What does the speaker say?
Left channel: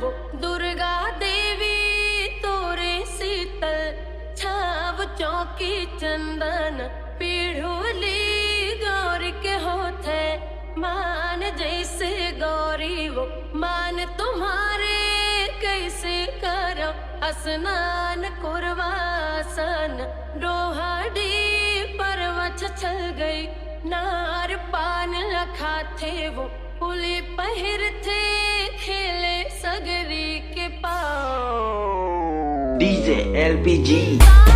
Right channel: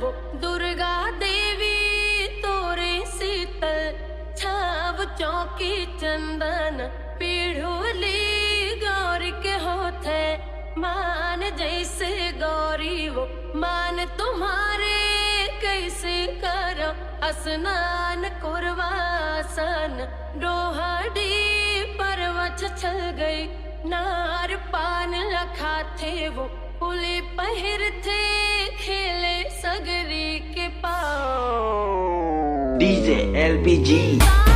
वो दुर्गा देवी तोरे शीतल छाव चौकी चंदन पीढ़ोली गौरी के होते मान जैसे गौरी वो मान तुम्हारे कैसे करो स्नान कुरवासन रोहाड़ी परवच छल गई नार पान लखा थे वो पुली पहिर थे खेले सगरी के पाओ DJ LPG